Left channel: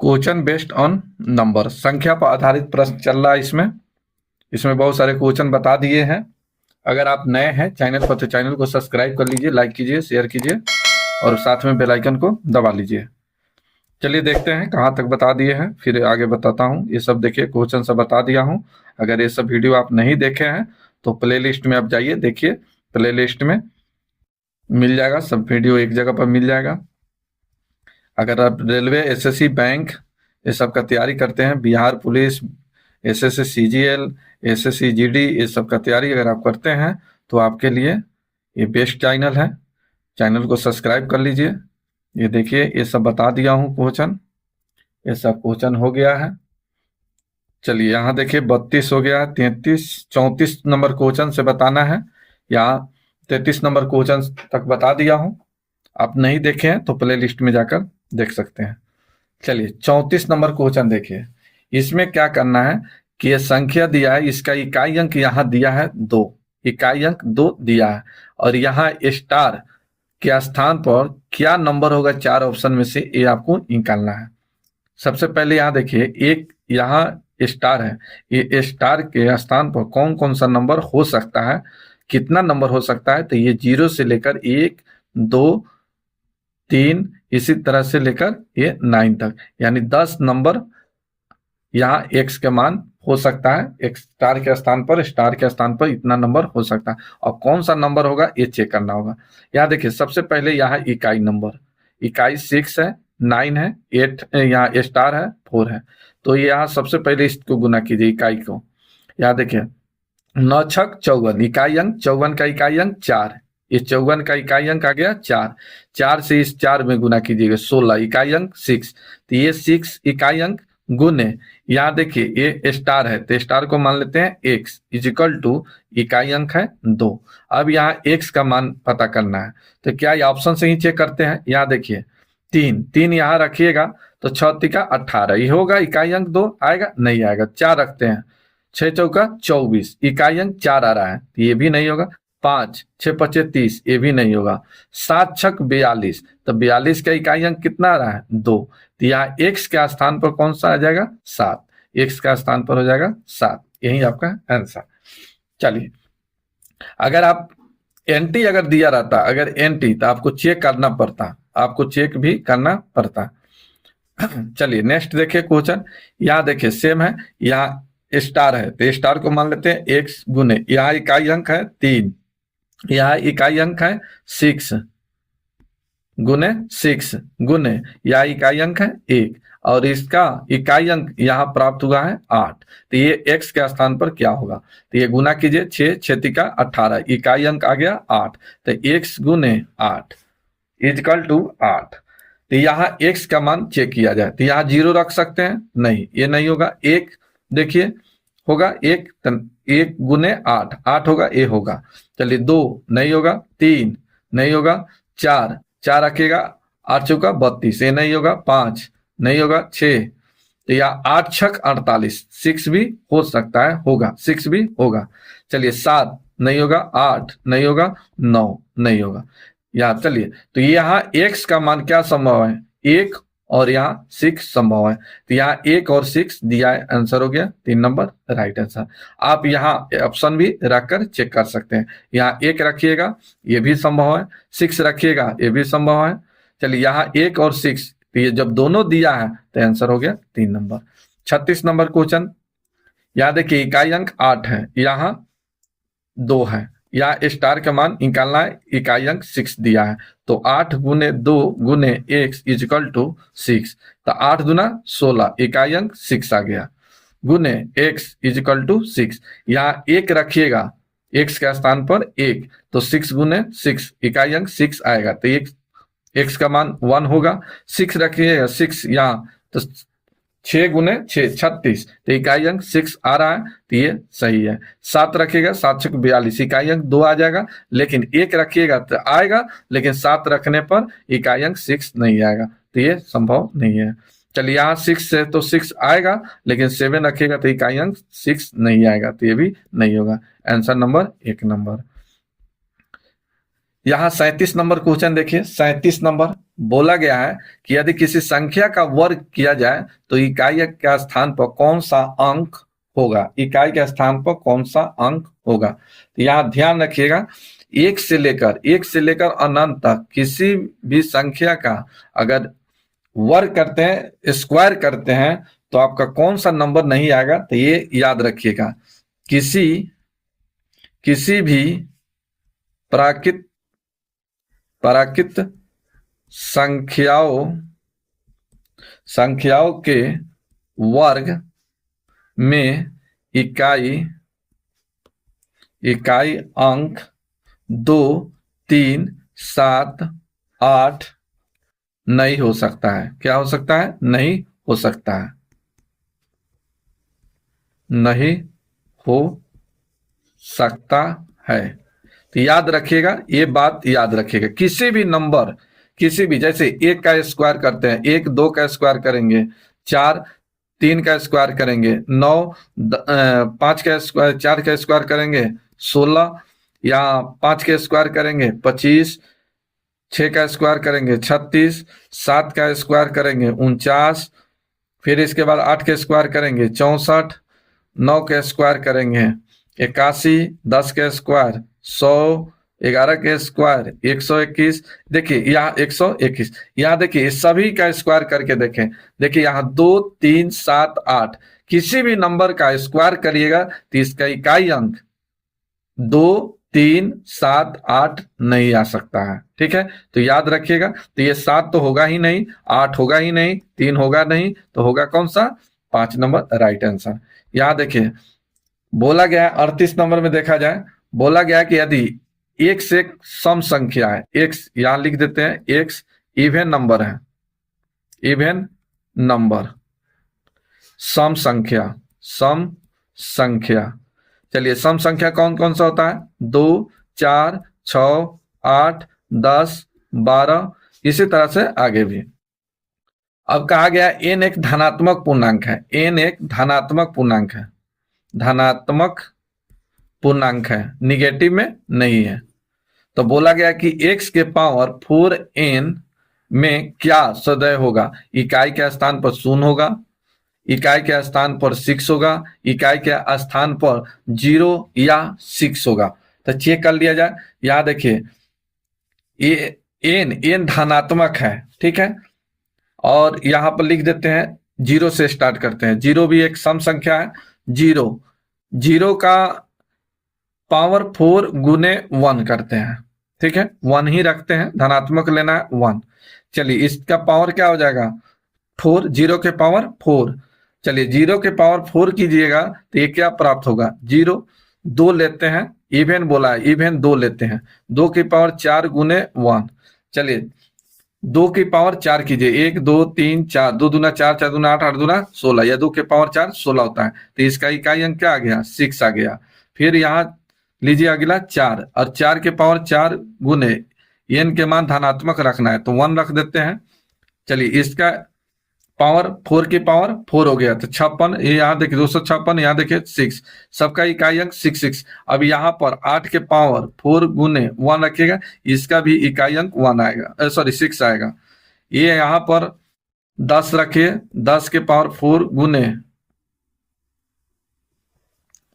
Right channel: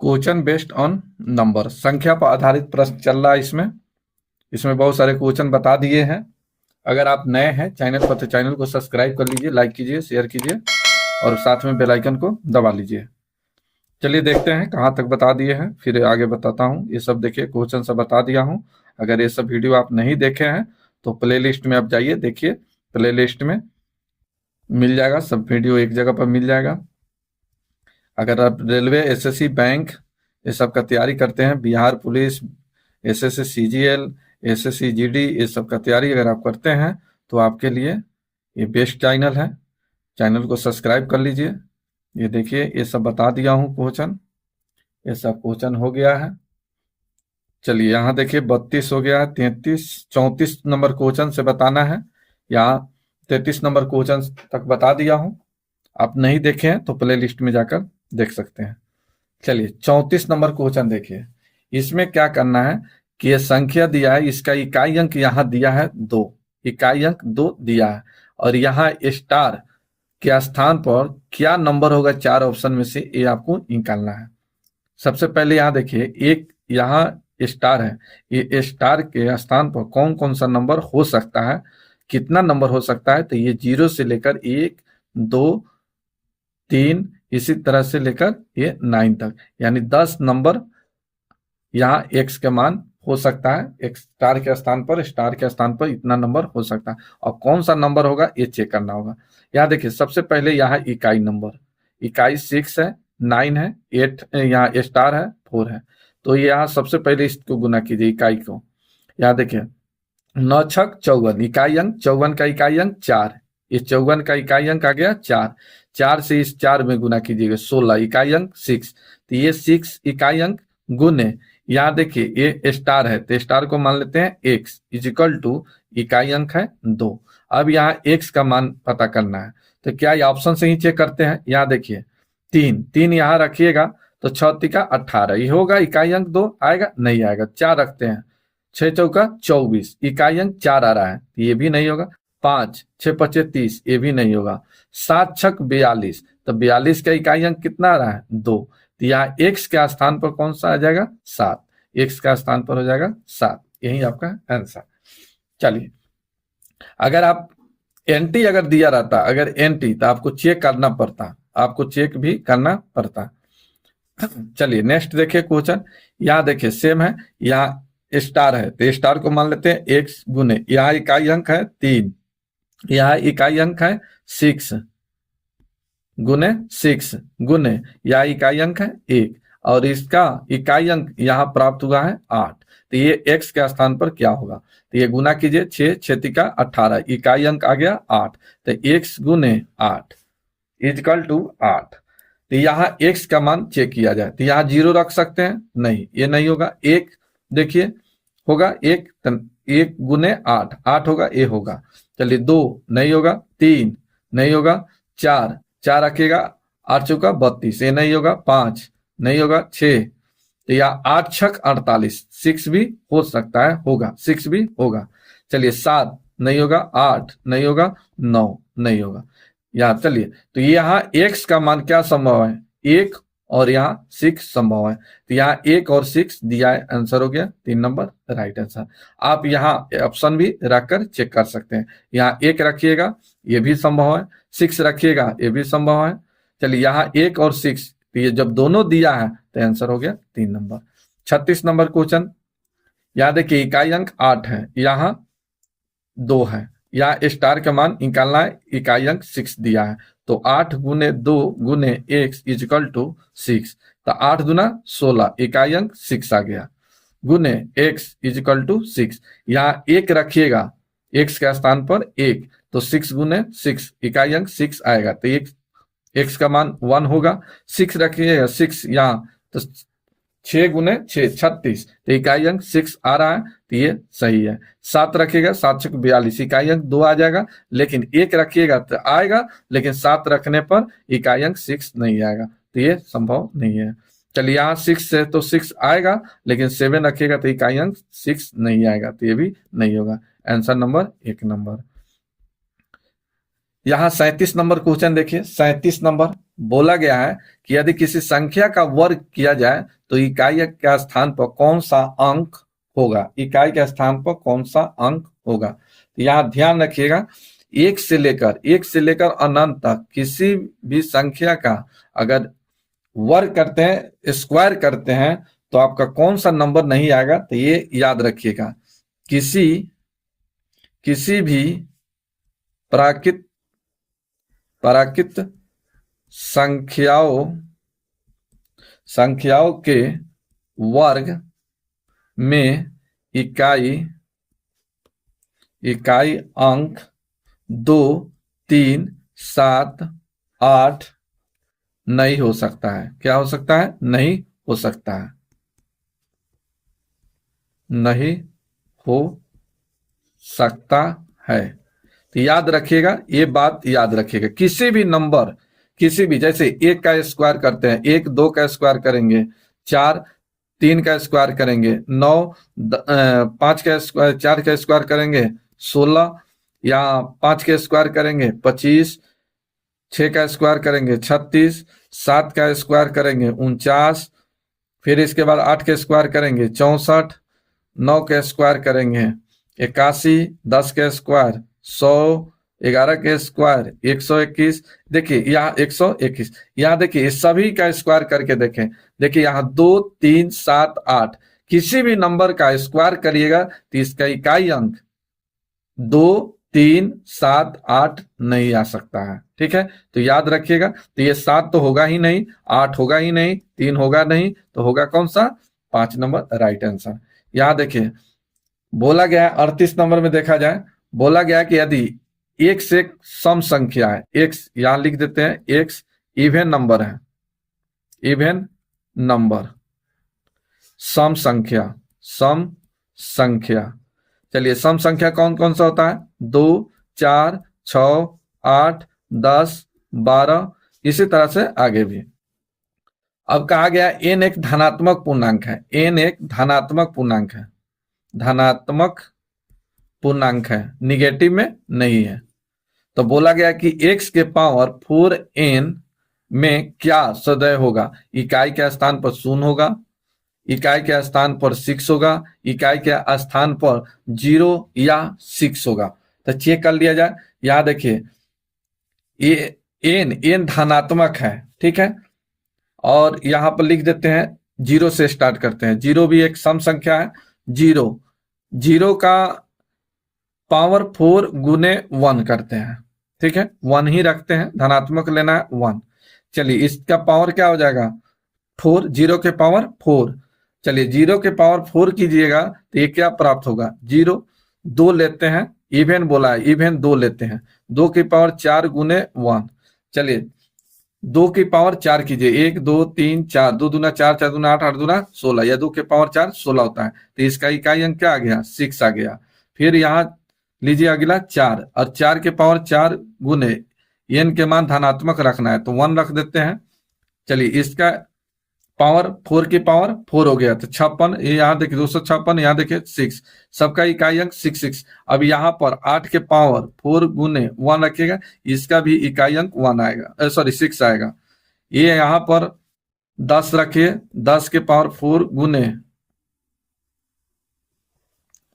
Question based on number, संख्या पर आधारित प्रश्न चल रहा है। इसमें बहुत सारे क्वेश्चन बता दिए हैं। अगर आप नए हैं चैनल पर तो चैनल को सब्सक्राइब कर लीजिए, लाइक कीजिए, शेयर कीजिए और साथ में बेल आइकन को दबा लीजिए। चलिए देखते हैं कहाँ तक बता दिए हैं, फिर आगे बताता हूँ। ये सब देखिए क्वेश्चन सब बता दिया हूँ। अगर ये सब वीडियो आप नहीं देखे हैं तो प्लेलिस्ट में आप जाइए, देखिए प्लेलिस्ट में मिल जाएगा, सब वीडियो एक जगह पर मिल जाएगा। अगर आप रेलवे, एसएससी, बैंक ये सब का तैयारी करते हैं, Bihar police, SSC CGL, SSC GD, ये सब का तैयारी अगर आप करते हैं तो आपके लिए ये बेस्ट चैनल है। चैनल को सब्सक्राइब कर लीजिए। ये देखिए ये सब बता दिया हूँ क्वेश्चन, ये सब क्वेश्चन हो गया है। चलिए यहाँ देखिए 32 हो गया, 33, 34 नंबर क्वेश्चन से बताना है। यहाँ 33 नंबर क्वेश्चन तक बता दिया हूँ। आप नहीं देखे हैं तो प्ले लिस्ट में जाकर देख सकते हैं। चलिए 34 नंबर क्वेश्चन देखिए। इसमें क्या करना है कि ये संख्या दिया है, इसका इकाई अंक यहाँ दिया है 2, इकाई अंक 2 दिया है और यहाँ स्टार के स्थान पर क्या नंबर होगा, 4 ऑप्शन में से ये आपको निकालना है। सबसे पहले यहाँ देखिए, एक यहाँ स्टार है, ये स्टार के स्थान पर कौन कौन सा नंबर हो सकता है, कितना नंबर हो सकता है, तो ये 0 से लेकर 1, 2, 3 इसी तरह से लेकर ये 9 तक, यानी 10 नंबर यहाँ एक्स के मान हो सकता है। एक स्टार के स्थान पर इतना नंबर हो सकता है और कौन सा नंबर होगा ये चेक करना होगा। यहाँ देखिए सबसे पहले यहाँ इकाई नंबर, इकाई 6 है, 9 है, 8 यहाँ स्टार है, 4 है। तो यहाँ सबसे पहले इसको गुना कीजिए इकाई को। यहाँ देखिए 9 छक 54, इकाई अंक 54 का इकाई अंक 4, ये 54 का इकाई अंक आ गया 4, 4 से इस 4 में गुना कीजिएगा 16, इकाई अंक 6, तो ये 6 इकाई अंक गुने, यहाँ देखिए ये स्टार है तो स्टार को मान लेते हैं x इज इक्वल टू इकाई अंक है 2। अब यहाँ x का मान पता करना है तो क्या ये ऑप्शन से ही चेक करते हैं। यहाँ देखिए 3 यहाँ रखिएगा तो 6 तिका 18, ये होगा इकाई अंक 2 आएगा, नहीं आएगा। 4 रखते हैं, 6 चौका 24, इकाई अंक 4 आ रहा है तो ये भी नहीं होगा। 5, 6 पचे 30, ये भी नहीं होगा। 7 छक 42, तो 42 का इकाई अंक कितना आ रहा है 2, तो यहाँ x के स्थान पर कौन सा आ जाएगा 7, x का स्थान पर हो जाएगा 7, यही आपका आंसर। चलिए अगर आप एंटी अगर दिया रहता, अगर एंटी तो आपको चेक करना पड़ता, आपको चेक भी करना पड़ता। चलिए नेक्स्ट देखिए क्वेश्चन। यहाँ देखिए सेम है, यहाँ स्टार है तो स्टार को मान लेते हैं x गुने, यहाँ इकाई अंक है 3, यहाँ इकाई अंक है 6 गुने 6 गुने, यहाँ इकाई अंक है 1 और इसका इकाई अंक यहाँ प्राप्त हुआ है 8, तो ये x के स्थान पर क्या होगा, तो ये गुना कीजिए 6, 6 तिका 18, इकाई अंक आ गया 8, तो x गुने 8 इजकल टू 8। तो यहाँ x का मान चेक किया जाए तो यहाँ 0 रख सकते हैं, नहीं ये नहीं होगा। 1 देखिए होगा 1, 1 गुने 8, 8 होगा, ये होगा। चलिए 2 नहीं होगा, 3 नहीं होगा, 4 रखेगा 8 चौका 32, ये नहीं होगा। 5 नहीं होगा, 6 तो यहाँ 8 छक 48, 6 भी हो सकता है, होगा 6 भी होगा। चलिए 7 नहीं होगा, 8 नहीं होगा, 9 नहीं होगा। यहाँ चलिए तो यहाँ x का मान क्या संभव है, 1 और यहाँ 6 संभव है, तो यहाँ 1 और 6 दिया है, आंसर हो गया 3 नंबर राइट आंसर। आप यहाँ ऑप्शन भी रखकर चेक कर सकते हैं, यहाँ 1 रखिएगा ये भी संभव है, 6 रखिएगा ये भी संभव है। चलिए यहाँ 1 और 6, तो ये जब दोनों दिया है तो आंसर हो गया 3 नंबर। 36 number question. यहाँ देखिए इकाई अंक 8 है, यहाँ 2 है, यहाँ स्टार का मान निकालना है, इकाई अंक 6 दिया है तो 8 गुने 2 गुने x इजिकल टू 6, तो 8 दुना 16, इकाई अंक 6 आ गया, गुने x इजिकल टू 6, यहाँ 1 रखिएगा x के स्थान पर 1, तो 6 गुने 6, इकाई अंक 6 आएगा तो x का मान 1 होगा। 6 रखिएगा 6 यहाँ, तो 6 गुने 6 36, तो इकाई अंक 6 आ रहा है तो ये सही है। 7 रखिएगा 7 छक 42, इकाई अंक 2 आ जाएगा, लेकिन 1 रखिएगा तो आएगा, लेकिन 7 रखने पर इकाई अंक 6 नहीं आएगा, तो ये संभव नहीं है। चलिए यहाँ 6 है तो 6 आएगा, लेकिन 7 रखिएगा तो इकाई अंक 6 नहीं आएगा, तो ये भी नहीं होगा। Answer number 1 number. यहाँ 37 नंबर क्वेश्चन देखिए। 37 नंबर बोला गया है कि यदि किसी संख्या का वर्ग किया जाए तो इकाई के स्थान पर कौन सा अंक होगा, इकाई के स्थान पर कौन सा अंक होगा। तो यहाँ ध्यान रखिएगा, एक से लेकर अनंत तक किसी भी संख्या का अगर वर्ग करते हैं, स्क्वायर करते हैं, तो आपका कौन सा नंबर नहीं आएगा, तो ये याद रखिएगा। किसी भी प्राकृत संख्याओं के वर्ग में इकाई अंक 2, 3, 7, 8 नहीं हो सकता है। क्या हो सकता है? नहीं हो सकता है, नहीं हो सकता है। तो याद रखिएगा, ये बात याद रखिएगा। किसी भी नंबर, किसी भी, जैसे 1 का स्क्वायर करते हैं, 1 2 का स्क्वायर करेंगे, 4 3 का स्क्वायर करेंगे, 9 5 का स्क्वायर, 4 का स्क्वायर करेंगे 16, या 5 के स्क्वायर करेंगे 25, 6 का स्क्वायर करेंगे 36, 7 का स्क्वायर करेंगे 49, फिर इसके बाद 8 के स्क्वायर करेंगे 64, 9 के स्क्वायर करेंगे 81, 10 के स्क्वायर 100, 11 के स्क्वायर 121। देखिए यहाँ 121, यहाँ देखिए सभी का स्क्वायर करके देखें, देखिए यहाँ 2, 3, 7, 8, किसी भी नंबर का स्क्वायर करिएगा तो इसका इकाई अंक 2, 3, 7, 8 नहीं आ सकता है। ठीक है, तो याद रखिएगा। तो ये 7 तो होगा ही नहीं, 8 होगा ही नहीं, 3 होगा नहीं, तो होगा कौन सा? 5 नंबर राइट आंसर। यहाँ देखिए बोला गया 38 नंबर में देखा जाए, बोला गया कि यदि एक से एक सम संख्या है, एक्स यहां लिख देते हैं, एक्स इवन नंबर है, इवन नंबर, सम संख्या। चलिए सम संख्या कौन कौन सा होता है? 2, 4, 6, 8, 10, 12, इसी तरह से आगे भी। अब कहा गया n एक धनात्मक पूर्णांक है, n एक धनात्मक पूर्णांक है, धनात्मक पूर्णांक है, निगेटिव में नहीं है। तो बोला गया कि x के पावर 4n में क्या सदैव होगा? इकाई के स्थान पर 0 होगा, इकाई के स्थान पर 6 होगा, इकाई के स्थान पर 0 या 6 होगा। तो चेक कर लिया जाए। यहां देखिए n धनात्मक है, ठीक है, और यहां पर लिख देते हैं 0 से स्टार्ट करते हैं। 0 भी एक सम संख्या है, 0 का पावर 4 गुने 1 करते हैं, ठीक है, 1 ही रखते हैं, धनात्मक लेना है 1। चलिए इसका पावर क्या हो जाएगा? 4, 0 के पावर 4। चलिए 0 के पावर 4 कीजिएगा तो ये क्या प्राप्त होगा? 0, 2 लेते हैं, इवन बोला है, इवन 2 लेते हैं, 2 की पावर 4 गुने 1। चलिए 2 की पावर 4 कीजिए, 1 2 3 4, 2 दूना 4, 4 दूना 8, 8 दूना 16, या 2 के पावर 4 16 होता है। तो इसका इकाई अंक क्या आ गया? 6 आ गया। फिर यहाँ लीजिए अगला 4, और 4 के पावर 4 गुने n के मान धनात्मक रखना है तो 1 रख देते हैं। चलिए इसका पावर 4 की पावर 4 हो गया तो 56, ये यहाँ देखिए 256, यहाँ देखिए 6, सबका इकाई अंक 6। अब यहाँ पर 8 के पावर 4 गुने 1 रखिएगा, इसका भी इकाई अंक 1 आएगा, सॉरी 6 आएगा। ये यहाँ पर 10 रखिए, 10 के पावर 4 गुने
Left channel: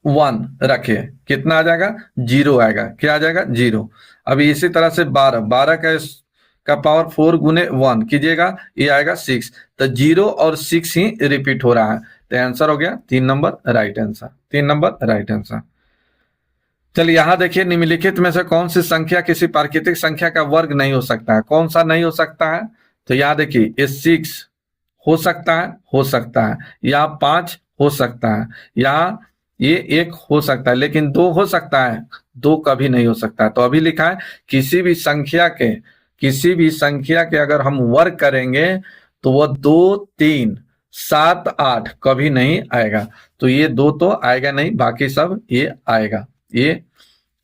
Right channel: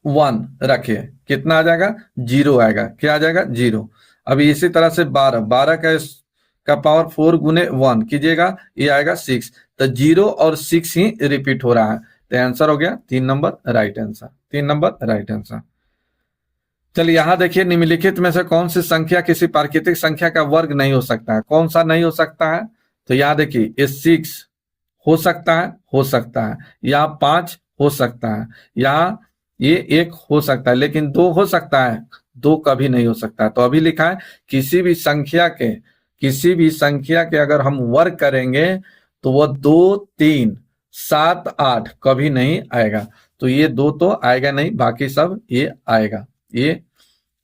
1 रखे, कितना आ जाएगा? 0 आएगा। क्या आ जाएगा? 0। अभी इसी तरह से 12 का पावर 4 गुने 1 कीजिएगा, ये आएगा 6। तो 0 और 6 ही रिपीट हो रहा है, तो आंसर हो गया 3 number right answer, 3 number right answer. चलिए यहां देखिए निम्नलिखित में से कौन सी संख्या किसी प्राकृतिक संख्या का वर्ग नहीं हो सकता है? कौन सा नहीं हो सकता है? तो यहाँ देखिए ये 6 हो सकता है, हो सकता है, यहाँ 5 हो सकता है, यहाँ ये 1 हो सकता है, लेकिन 2 हो सकता है? 2 कभी नहीं हो सकता। तो अभी लिखा है किसी भी संख्या के अगर हम वर्ग करेंगे तो वो 2, 3, 7, 8 कभी नहीं आएगा। तो ये 2 तो आएगा नहीं, बाकी सब ये आएगा, ये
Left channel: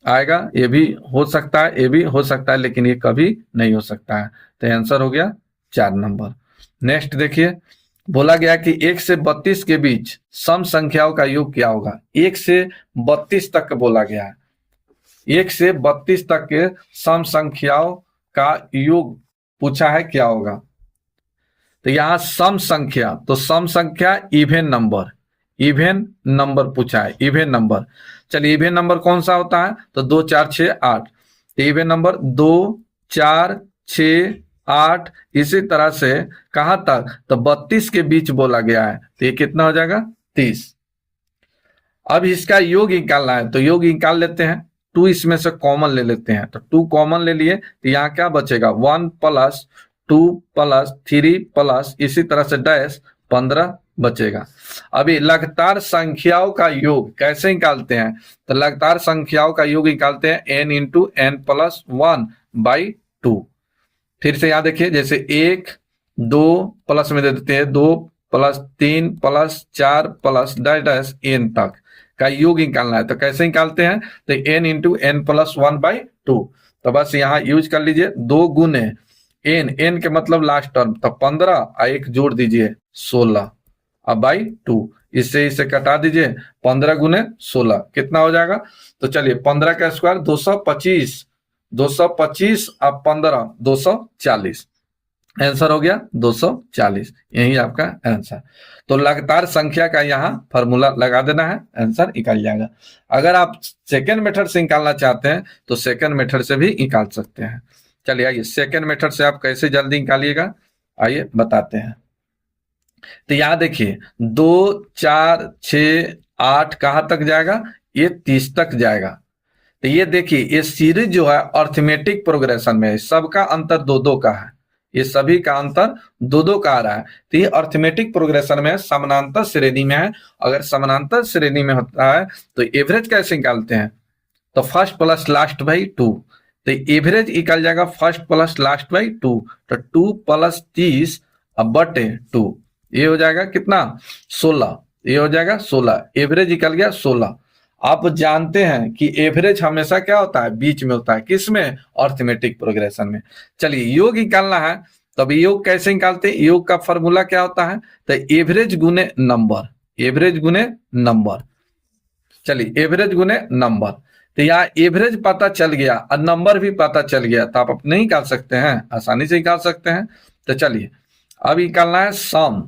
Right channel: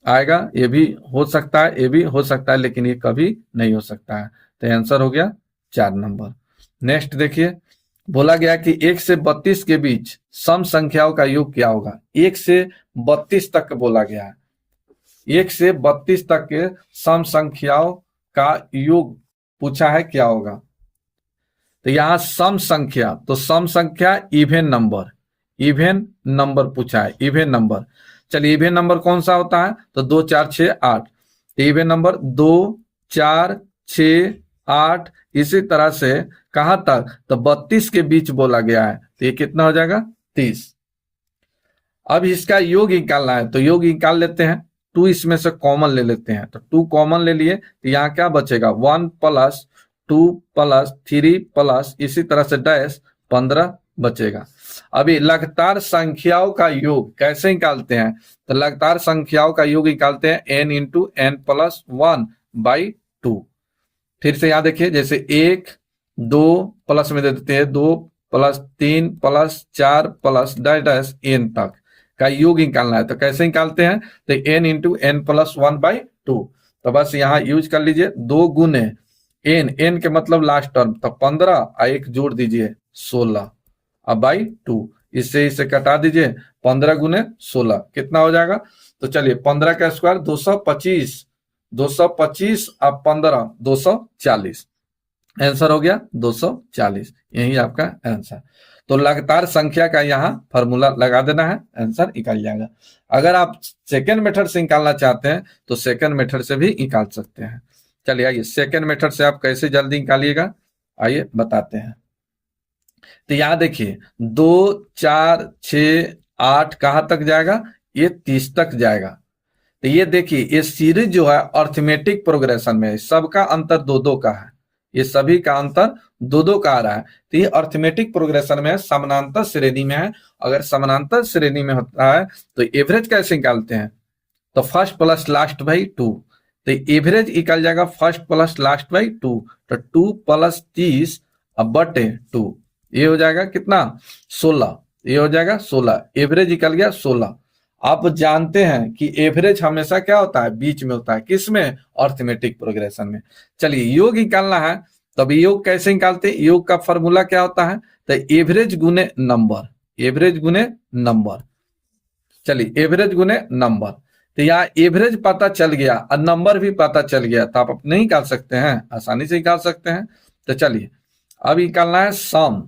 आएगा, ये भी हो सकता है, ये भी हो सकता है, लेकिन ये कभी नहीं हो सकता है। तो आंसर हो गया 4 नंबर। नेक्स्ट देखिए, बोला गया कि 1 से 32 के बीच सम संख्याओं का योग क्या होगा? 1 से 32 तक बोला गया है, 1 से 32 तक के सम संख्याओं का योग पूछा है क्या होगा। तो यहां सम संख्या, तो सम संख्या इवेन नंबर, इवेन नंबर पूछा है, इवेन नंबर। चलिए इवेन नंबर कौन सा होता है, तो 2 4 6 8। तो इवेन नंबर 2 4 6 8, इसी तरह से कहां तक, तो 32 के बीच बोला गया है, तो ये कितना हो जाएगा 30। अब इसका योग निकालना है, तो योग निकाल लेते हैं। 2 इसमें से कॉमन ले लेते हैं, तो 2 कॉमन ले लिए, तो यहाँ क्या बचेगा 1 प्लस 2 प्लस 3 प्लस इसी तरह से डैश 15 बचेगा। अभी लगातार संख्याओं का योग कैसे निकालते हैं, तो लगातार संख्याओं का योग निकालते हैं n इंटू एन प्लस 1/2। फिर से यहां देखिए, जैसे 1 2 प्लस में दे देते हैं 2 plus 3 plus 4 plus dash dash n तक का योग निकालना है। तो कैसे निकालते हैं, तो n इंटू एन प्लस 1/2। तो बस यहाँ यूज कर लीजिए 2 गुने n के मतलब लास्ट टर्म, तो 15 और 1 जोड़ दीजिए 16 अब बाई 2, इससे इसे कटा दीजिए 15 गुने 16 कितना हो जाएगा। तो चलिए 15 का स्क्वायर 225, 225 अब 15 240, आंसर हो गया 240, यही आपका आंसर। तो लगातार संख्या का यहाँ फॉर्मूला लगा देना है, आंसर निकल जाएगा। अगर आप सेकेंड मेथड से निकालना चाहते हैं तो सेकेंड मेथड से भी निकाल सकते हैं। चलिए आइए सेकेंड मेथड से आप कैसे जल्दी निकालिएगा, आइए बताते हैं। तो यहां देखिए 2 4 6 8 कहां तक जाएगा, ये 30 तक जाएगा। तो ये देखिए ये सीरीज जो है अर्थमेटिक प्रोग्रेशन में है, सबका अंतर 2-2 का है, ये सभी का अंतर 2-2 का आ रहा है। तो ये अर्थमेटिक प्रोग्रेशन में समानांतर श्रेणी में है। अगर समानांतर श्रेणी में होता है तो एवरेज कैसे निकालते हैं, तो फर्स्ट प्लस लास्ट बाई 2। तो एवरेज निकल जाएगा फर्स्ट प्लस लास्ट बाई 2, तो 2 प्लस 30 अब बटे 2, ये हो जाएगा कितना 16, ये हो जाएगा 16, एवरेज निकल गया 16। आप जानते हैं कि एवरेज हमेशा क्या होता है, बीच में होता है, किसमें, अर्थमेटिक प्रोग्रेशन में। चलिए योग निकालना है, तो अभी योग कैसे निकालते हैं, योग का फॉर्मूला क्या होता है, तो एवरेज गुने नंबर, एवरेज गुने नंबर। चलिए एवरेज गुने नंबर, तो यहाँ एवरेज पता चल गया और नंबर भी पता चल गया, तो आप अपने निकाल सकते हैं, आसानी से निकाल सकते हैं। तो चलिए अब निकालना है सम,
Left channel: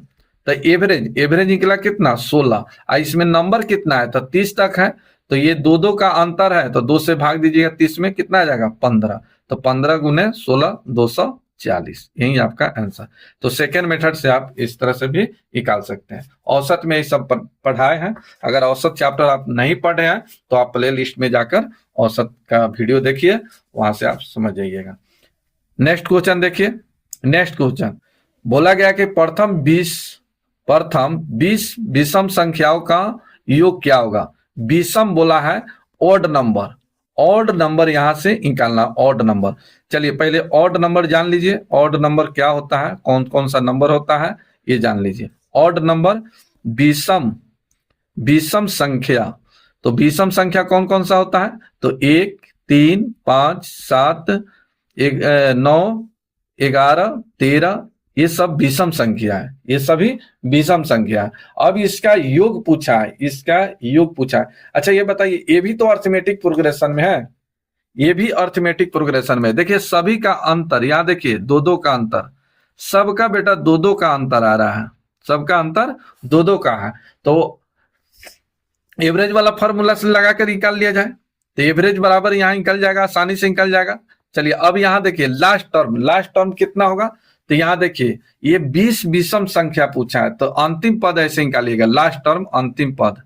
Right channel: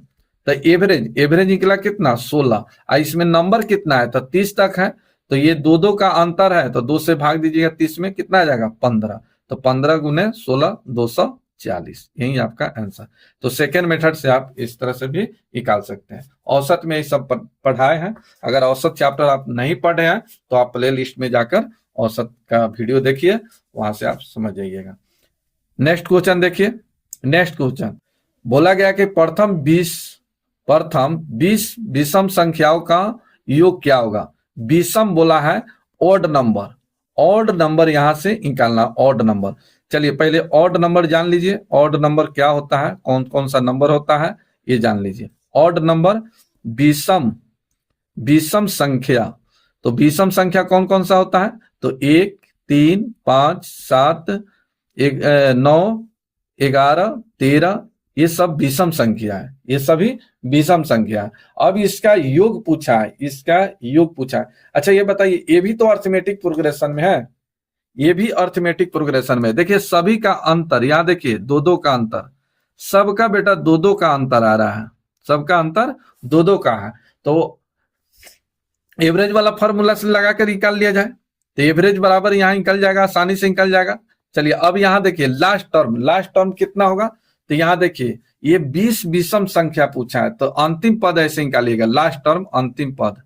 तो एवरेज, एवरेज निकला कितना 16, और इसमें नंबर कितना है, तो 30 तक है। तो ये 2-2 का अंतर है, तो 2 से भाग दीजिएगा, 30 में कितना आ जाएगा 15, तो 15 गुने 16 240, यही आपका आंसर। तो सेकेंड मेथड से आप इस तरह से भी निकाल सकते हैं। औसत में ये सब पढ़ाए हैं, अगर औसत चैप्टर आप नहीं पढ़े हैं तो आप प्ले लिस्ट में जाकर औसत का वीडियो देखिए, वहां से आप समझ जाइएगा। नेक्स्ट क्वेश्चन देखिए, नेक्स्ट क्वेश्चन बोला गया कि प्रथम 20 विषम संख्याओं का योग क्या होगा। विषम बोला है ऑड नंबर, ऑड नंबर यहां से निकालना, ऑड नंबर। चलिए पहले ऑड नंबर जान लीजिए, ऑड नंबर क्या होता है, कौन कौन सा नंबर होता है ये जान लीजिए। ऑड नंबर विषम, विषम संख्या, तो विषम संख्या कौन कौन सा होता है, तो 1 3 5 7 9 11 13, ये सब विषम संख्या है, ये सभी विषम संख्या है। अब इसका योग पूछा है, इसका योग पूछा है। अच्छा ये बताइए, ये भी तो अर्थमेटिक प्रोग्रेशन में है, ये भी अर्थमेटिक प्रोग्रेशन में। देखिए सभी का अंतर, यहां देखिए 2-2 का अंतर, सबका बेटा 2-2 का अंतर आ रहा है, सबका अंतर 2-2 का है। तो एवरेज वाला फॉर्मूला से लगा कर निकाल लिया जाए, तो एवरेज बराबर यहां निकल जाएगा, आसानी से निकल जाएगा। चलिए अब यहां देखिए लास्ट टर्म, लास्ट टर्म कितना होगा, तो यहां देखिए ये 20 विषम संख्या पूछा है, तो अंतिम पद ऐसे निकालिएगा, लास्ट टर्म अंतिम पद,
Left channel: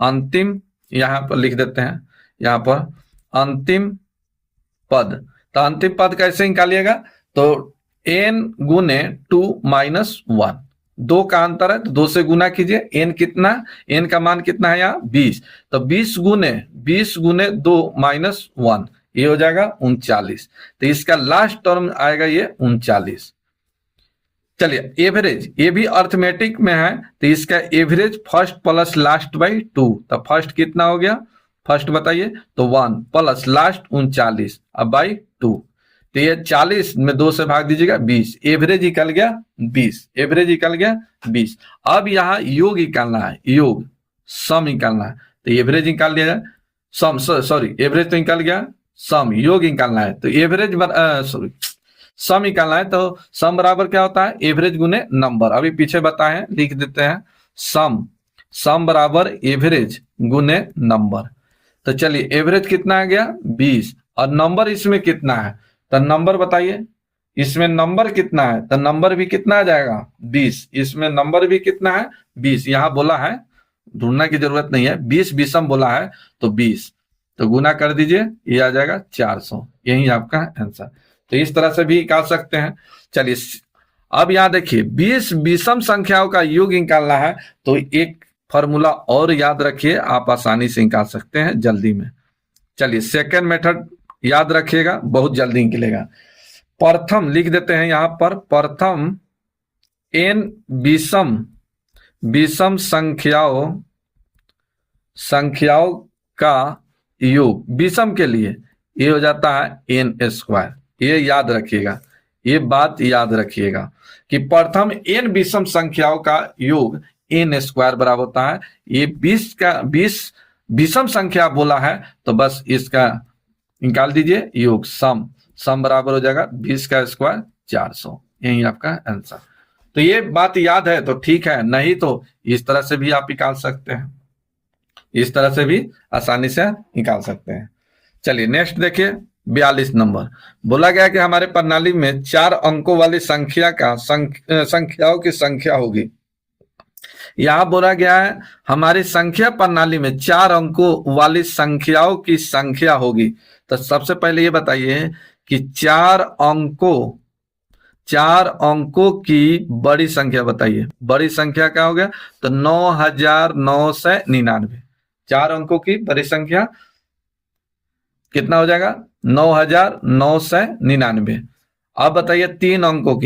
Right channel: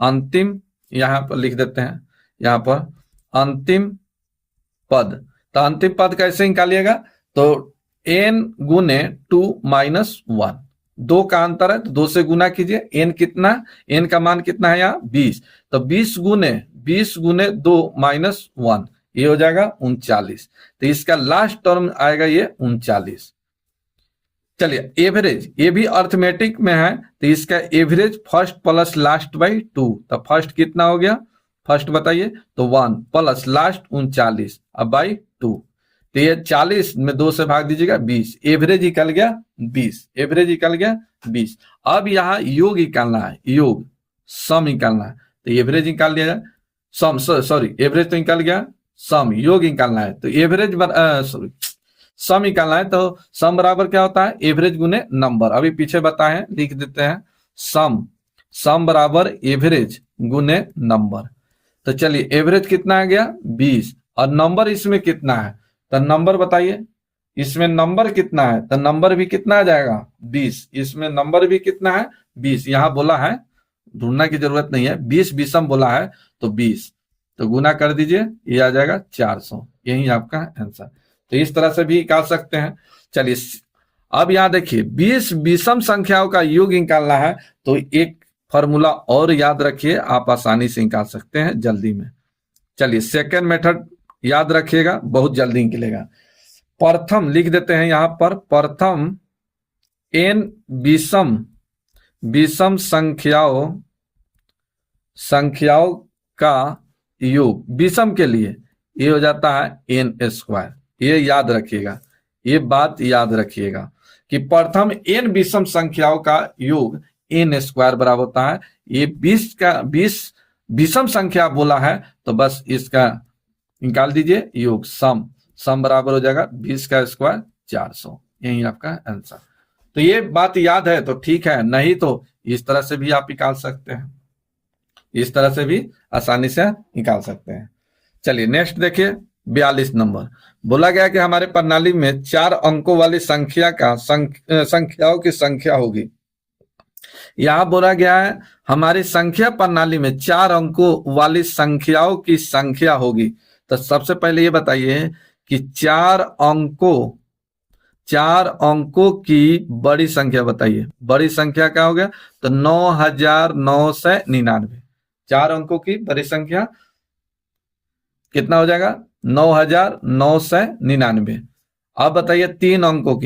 अंतिम यहां पर लिख देते हैं, यहां पर अंतिम पद। तो अंतिम पद कैसे निकालिएगा, तो n गुने 2 माइनस 1, 2 का अंतर है तो 2 से गुना कीजिए, n कितना, n का मान कितना है यहाँ 20, तो 20 गुने 2 माइनस 1, ये हो जाएगा 39। तो इसका लास्ट टर्म आएगा ये 39। चलिए एवरेज, ये भी अर्थमेटिक में है, तो इसका average first plus last by 2, तो फर्स्ट कितना हो गया, फर्स्ट बताइए, तो 1 प्लस लास्ट 39 अब बाई 2, तो ये 40 में 2 से भाग दीजिएगा 20, एवरेज निकल गया 20, एवरेज निकल गया 20। अब यहाँ योग निकालना है, योग सम निकालना है, तो एवरेज निकाल दिया जाए, सम सॉरी एवरेज तो निकल गया, सम योग निकालना है, तो एवरेज सॉरी सम निकालना है तो सम बराबर क्या होता है, एवरेज गुने नंबर। अभी पीछे बताए, लिख देते हैं, सम बराबर एवरेज गुने नंबर। तो चलिए एवरेज कितना आ गया 20, और नंबर इसमें कितना है, तो नंबर बताइए, इसमें नंबर कितना है, तो नंबर भी कितना आ जाएगा 20, इसमें नंबर भी कितना है 20। यहां बोला है, ढूंढना की जरूरत नहीं है, 20 विषम बोला है तो 20, तो गुना कर दीजिए, ये आ जाएगा 400, यही आपका आंसर। तो इस तरह से भी निकाल सकते हैं। चलिए अब यहां देखिए 20 विषम संख्याओं का योग निकालना है, तो एक फॉर्मूला और याद रखिए, आप आसानी से निकाल सकते हैं जल्दी में। चलिए सेकेंड मेथड याद रखिएगा, बहुत जल्दी निकलेगा। प्रथम लिख देते हैं यहां पर, प्रथम n विषम संख्याओं का योग, विषम के लिए ये हो जाता है n²। ये याद रखिएगा, ये बात याद रखिएगा कि प्रथम n विषम संख्याओं का योग n² बराबर होता है। ये 20 विषम संख्या बोला है तो बस इसका निकाल दीजिए योग, सम बराबर हो जाएगा 20 का स्क्वायर 400, यही आपका आंसर। तो ये बात याद है तो ठीक है, नहीं तो इस तरह से भी आप निकाल सकते हैं, इस तरह से भी आसानी से निकाल सकते हैं। चलिए नेक्स्ट देखिए 42 नंबर। बोला गया कि हमारे प्रणाली में 4 अंकों वाली संख्याओं की संख्या होगी। यहां बोला गया है हमारी संख्या प्रणाली में 4 अंकों वाली संख्याओं की संख्या होगी। तो सबसे पहले ये बताइए कि 4 अंकों की बड़ी संख्या बताइए। बड़ी संख्या क्या हो गया, तो 9999। 4 अंकों की बड़ी संख्या कितना हो जाएगा, 9999। अब बताइए 3 अंकों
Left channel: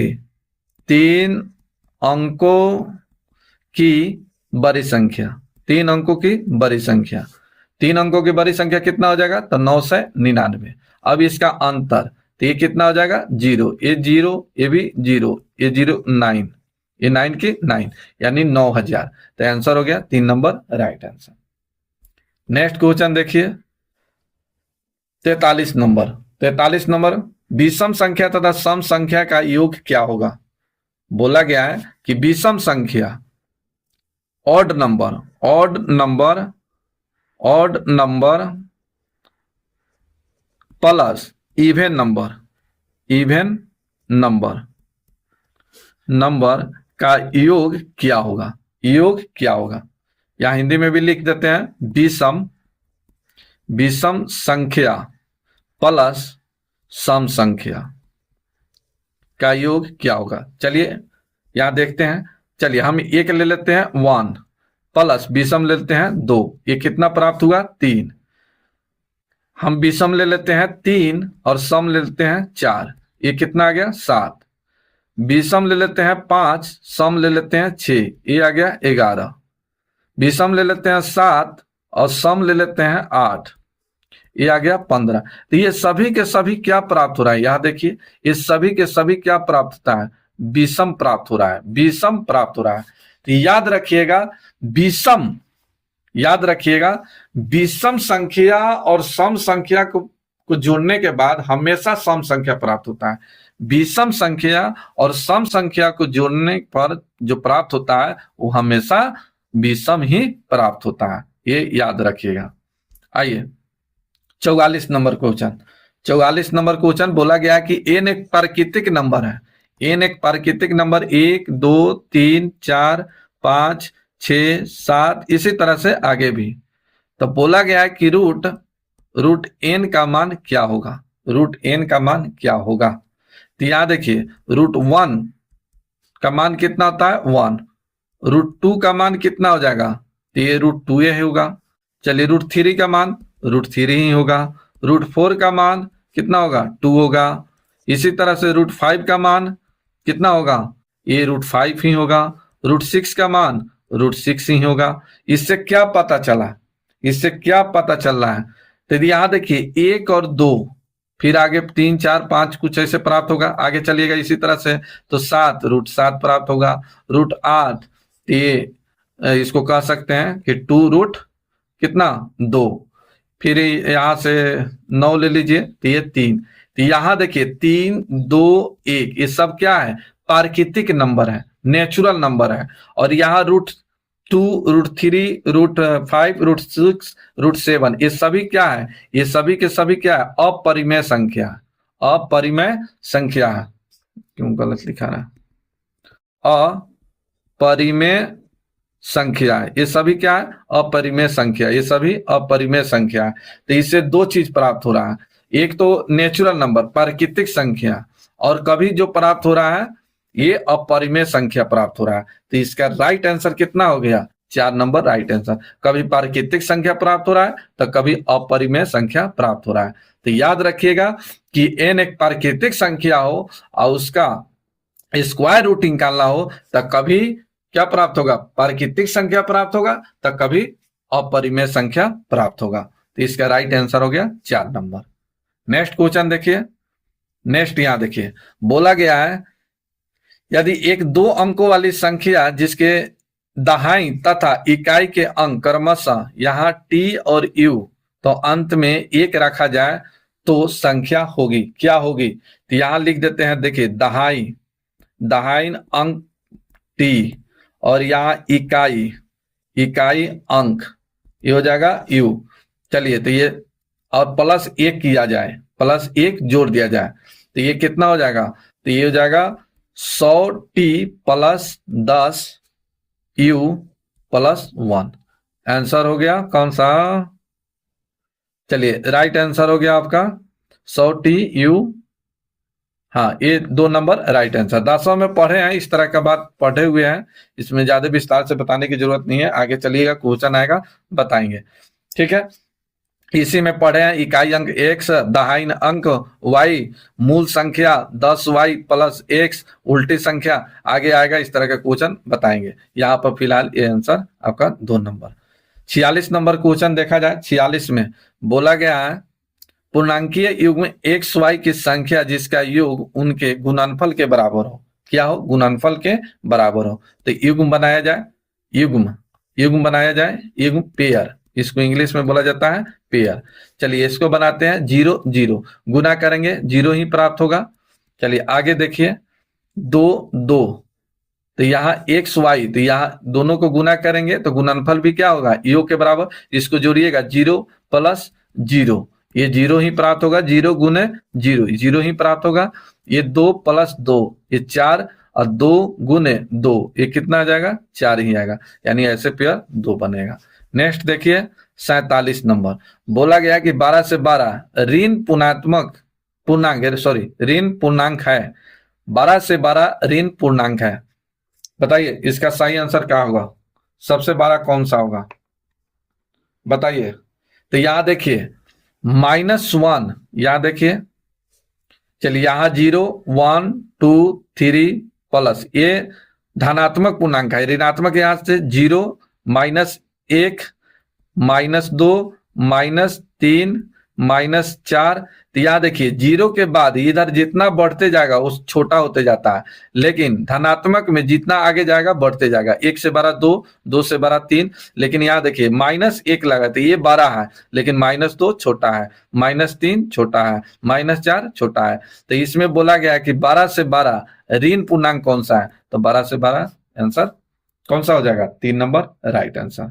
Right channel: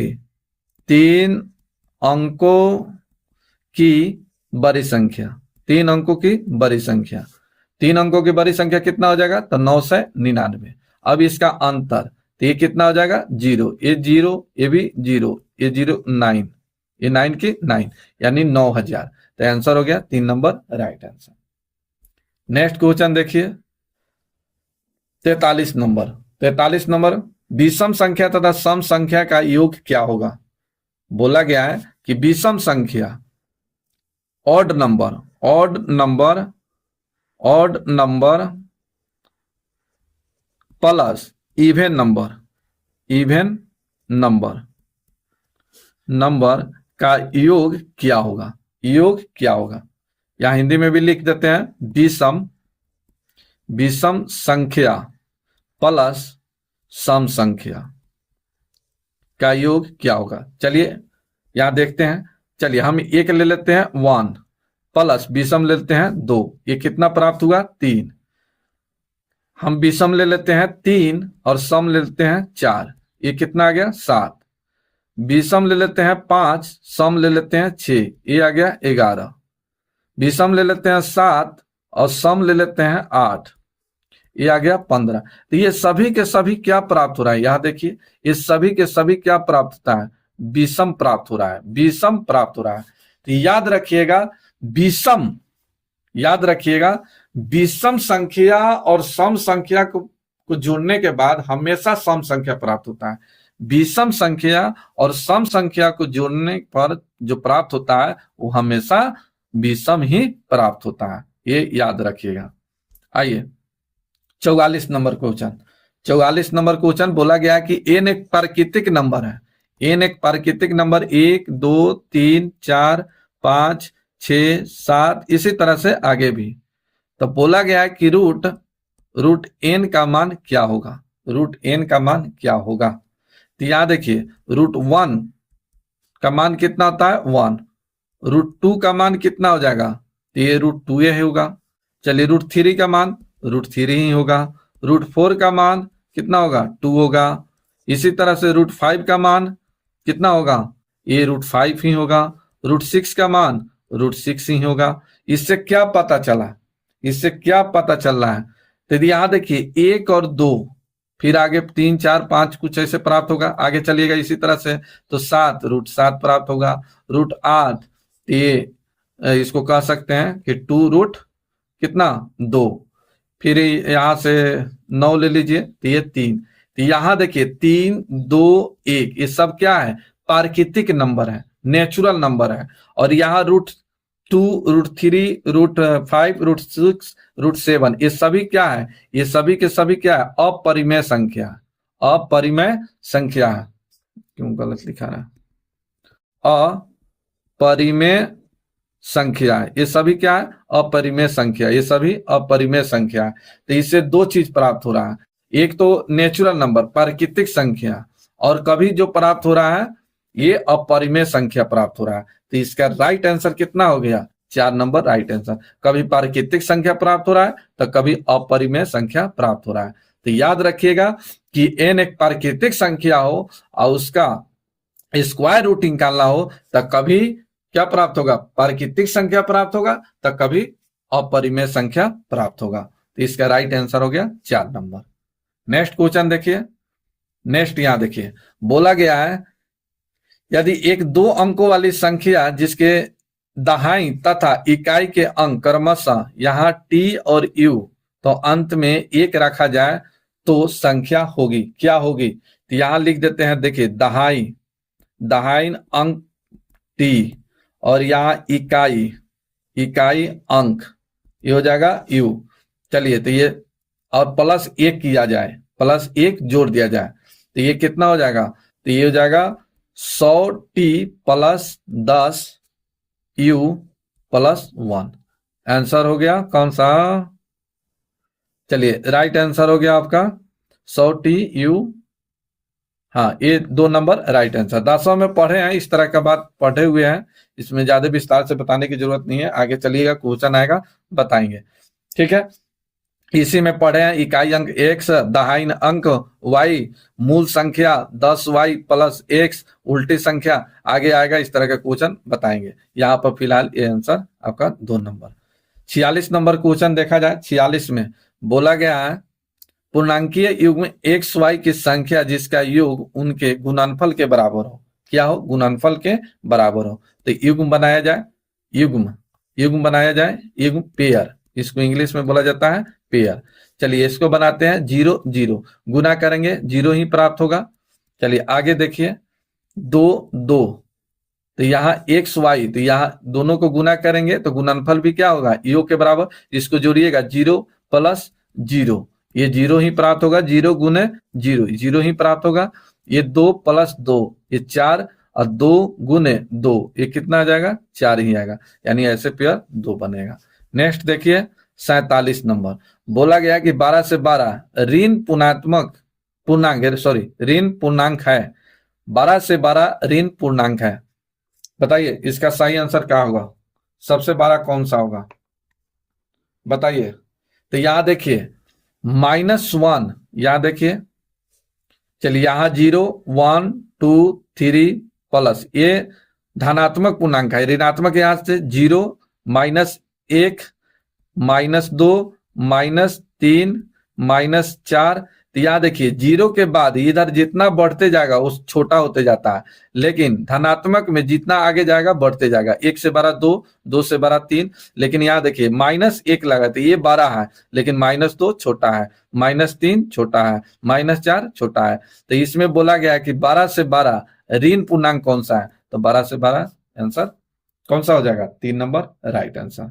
की बड़ी संख्या, 3 अंकों की बड़ी संख्या, 3 अंकों की बड़ी संख्या कितना हो जाएगा, तो 999। अब इसका अंतर, तो ये कितना हो जाएगा 0, ये 0, ये भी 0, ये 0, 9, ये 9 की 9, यानी 9000। तो आंसर हो गया 3 number right answer. Next question देखिए 43 नंबर। 43 नंबर, विषम संख्या तथा सम संख्या का योग क्या होगा। बोला गया है कि विषम संख्या odd number plus even number का योग क्या होगा। या हिंदी में भी लिख देते हैं, विषम संख्या प्लस सम संख्या का योग क्या होगा। चलिए यहां देखते हैं। चलिए हम एक ले लेते हैं 1 प्लस विषम ले लेते हैं 2, ये कितना प्राप्त हुआ 3। हम विषम ले लेते हैं 3 और सम ले लेते हैं 4, ये कितना आ गया 7। विषम ले लेते हैं 5, सम ले लेते हैं 6, ये आ गया 11। विषम ले लेते हैं 7 और सम ले लेते हैं 8, ये आ गया 15। तो ये सभी के सभी क्या प्राप्त हो रहा है, यहां देखिए, ये सभी के सभी क्या प्राप्त होता है, विषम प्राप्त हो रहा है, विषम प्राप्त हो रहा है। तो याद रखिएगा विषम संख्या और सम संख्या को जोड़ने के बाद हमेशा सम संख्या प्राप्त होता है। विषम संख्या और सम संख्या को जोड़ने पर जो प्राप्त होता है वो हमेशा विषम ही प्राप्त होता है, ये याद रखिएगा। आइए 44 नंबर क्वेश्चन बोला गया कि n एक प्राकृतिक नंबर है। n एक प्राकृतिक नंबर 1, 2, 3, 4, 5, 6, 7 इसी तरह से आगे भी। तो बोला गया है कि रूट n का मान क्या होगा। तो यहां देखिए √1 का मान कितना होता है 1, √2 का मान कितना हो जाएगा, तो ये √2 ही होगा। चलिए √3 का मान √3 ही होगा। √4 का मान कितना होगा 2 होगा। इसी तरह से √5 का मान कितना होगा, ये √5 ही होगा। √6 का मान √6 ही होगा। इससे क्या पता चल रहा है, तो यहां देखिए 1 और 2, फिर आगे 3, 4, 5 कुछ ऐसे प्राप्त होगा। आगे चलिएगा इसी तरह से तो 7, √7 प्राप्त होगा। √8 ये इसको कह सकते हैं कि 2 कितना 2, फिर यहां से 9 ले लीजिए तो ये 3, तो यहां देखिए 3, 2, 1 ये सब क्या है, प्राकृतिक नंबर है, नेचुरल नंबर है। और यहाँ √2, √3, √5, √6, √7 ये सभी क्या है, ये सभी के सभी क्या है, अपरिमेय संख्या, अपरिमेय संख्या है। क्यों गलत लिखा रहा है, अपरिमेय संख्या है, ये सभी क्या है, अपरिमेय संख्या, ये सभी अपरिमेय संख्या है। तो इससे दो चीज प्राप्त हो रहा है, एक तो नेचुरल नंबर प्राकृतिक संख्या, और कभी जो प्राप्त हो रहा है ये अपरिमेय संख्या प्राप्त हो रहा है। तो इसका राइट आंसर कितना हो गया, 4 नंबर राइट आंसर। कभी प्राकृतिक संख्या प्राप्त हो रहा है तो कभी अपरिमेय संख्या प्राप्त हो रहा है। तो याद रखिएगा कि n एक प्राकृतिक संख्या हो और उसका स्क्वायर रूट निकालना हो तो कभी क्या प्राप्त होगा, प्राकृतिक संख्या प्राप्त होगा, तो कभी अपरिमेय संख्या प्राप्त होगा। तो इसका राइट आंसर हो गया 4 नंबर। नेक्स्ट क्वेश्चन देखिए, नेक्स्ट यहां देखिए बोला गया है यदि एक 2 अंकों वाली संख्या जिसके दहाई तथा इकाई के अंक क्रमशः यहाँ t और u तो अंत में 1 रखा जाए तो संख्या होगी, क्या होगी। तो यहां लिख देते हैं, देखिए दहाई, दहाई अंक t और यहाँ इकाई, इकाई अंक ये हो जाएगा u। चलिए तो ये और +1 किया जाए, +1 जोड़ दिया जाए तो ये कितना हो जाएगा, तो ये हो जाएगा 100t + 10u + 1। आंसर हो गया कौन सा, चलिए राइट आंसर हो गया आपका 100tu, हाँ ये 2 नंबर राइट आंसर। 10वां में पढ़े हैं, इस तरह का बात पढ़े हुए हैं, इसमें ज्यादा विस्तार से बताने की जरूरत नहीं है, आगे चलिएगा क्वेश्चन आएगा बताएंगे, ठीक है। इसी में पढ़े हैं इकाई अंक x, दहाई अंक y, मूल संख्या 10y + x, उल्टी संख्या आगे आएगा, इस तरह का क्वेश्चन बताएंगे। यहाँ पर फिलहाल ये आंसर आपका 2 नंबर। 46 नंबर क्वेश्चन देखा जाए, 46 में बोला गया है पूर्णांकीय युग्म x y की संख्या जिसका योग उनके गुणनफल के बराबर हो, क्या हो, गुणनफल के बराबर हो। तो युग्म बनाया जाए, युग्म, युग्म बनाया जाए, युग्म पेयर, इसको इंग्लिश में बोला जाता है पेयर। चलिए इसको बनाते हैं 0 0, गुना करेंगे 0 ही प्राप्त होगा। चलिए आगे देखिए 2 2, तो यहाँ x y, तो यहाँ दोनों को गुना करेंगे तो गुणनफल भी क्या होगा, योग के बराबर, इसको जोड़िएगा 0 + 0, ये 0 ही प्राप्त होगा, 0 गुने 0 0 ही प्राप्त होगा। ये 2 + 2 ये 4 और 2 गुने 2 ये कितना आ जाएगा, 4 ही आएगा, यानी ऐसे पेयर 2 बनेगा। नेक्स्ट देखिए 47 नंबर बोला गया कि 12 से 12 ऋण पूर्णात्मक पूर्णांक, सॉरी ऋण पूर्णांक है, 12 से 12 ऋण पूर्णांक है। बताइए इसका सही आंसर क्या होगा, सबसे बड़ा कौन सा होगा बताइए। तो यहां देखिए -1, यहां देखिए, चलिए यहाँ 0 1 2 3 प्लस, ये धनात्मक पूर्णांक है, ऋणात्मक यहां से 0 -1 -2 -3 -4। तो यहाँ देखिए 0 के बाद इधर जितना बढ़ते जाएगा वो छोटा होते जाता है, लेकिन धनात्मक में जितना आगे जाएगा बढ़ते जाएगा, 1 से बड़ा 2, 2 से बड़ा 3, लेकिन यहाँ देखिए -1 लगा तो ये बड़ा है, लेकिन -2 छोटा है, -3 छोटा है, -4 छोटा है। तो इसमें बोला गया है कि 12 से 12 ऋण पूर्णांक कौन सा है, तो 12 से 12 आंसर कौन सा हो जाएगा, 3 नंबर राइट आंसर।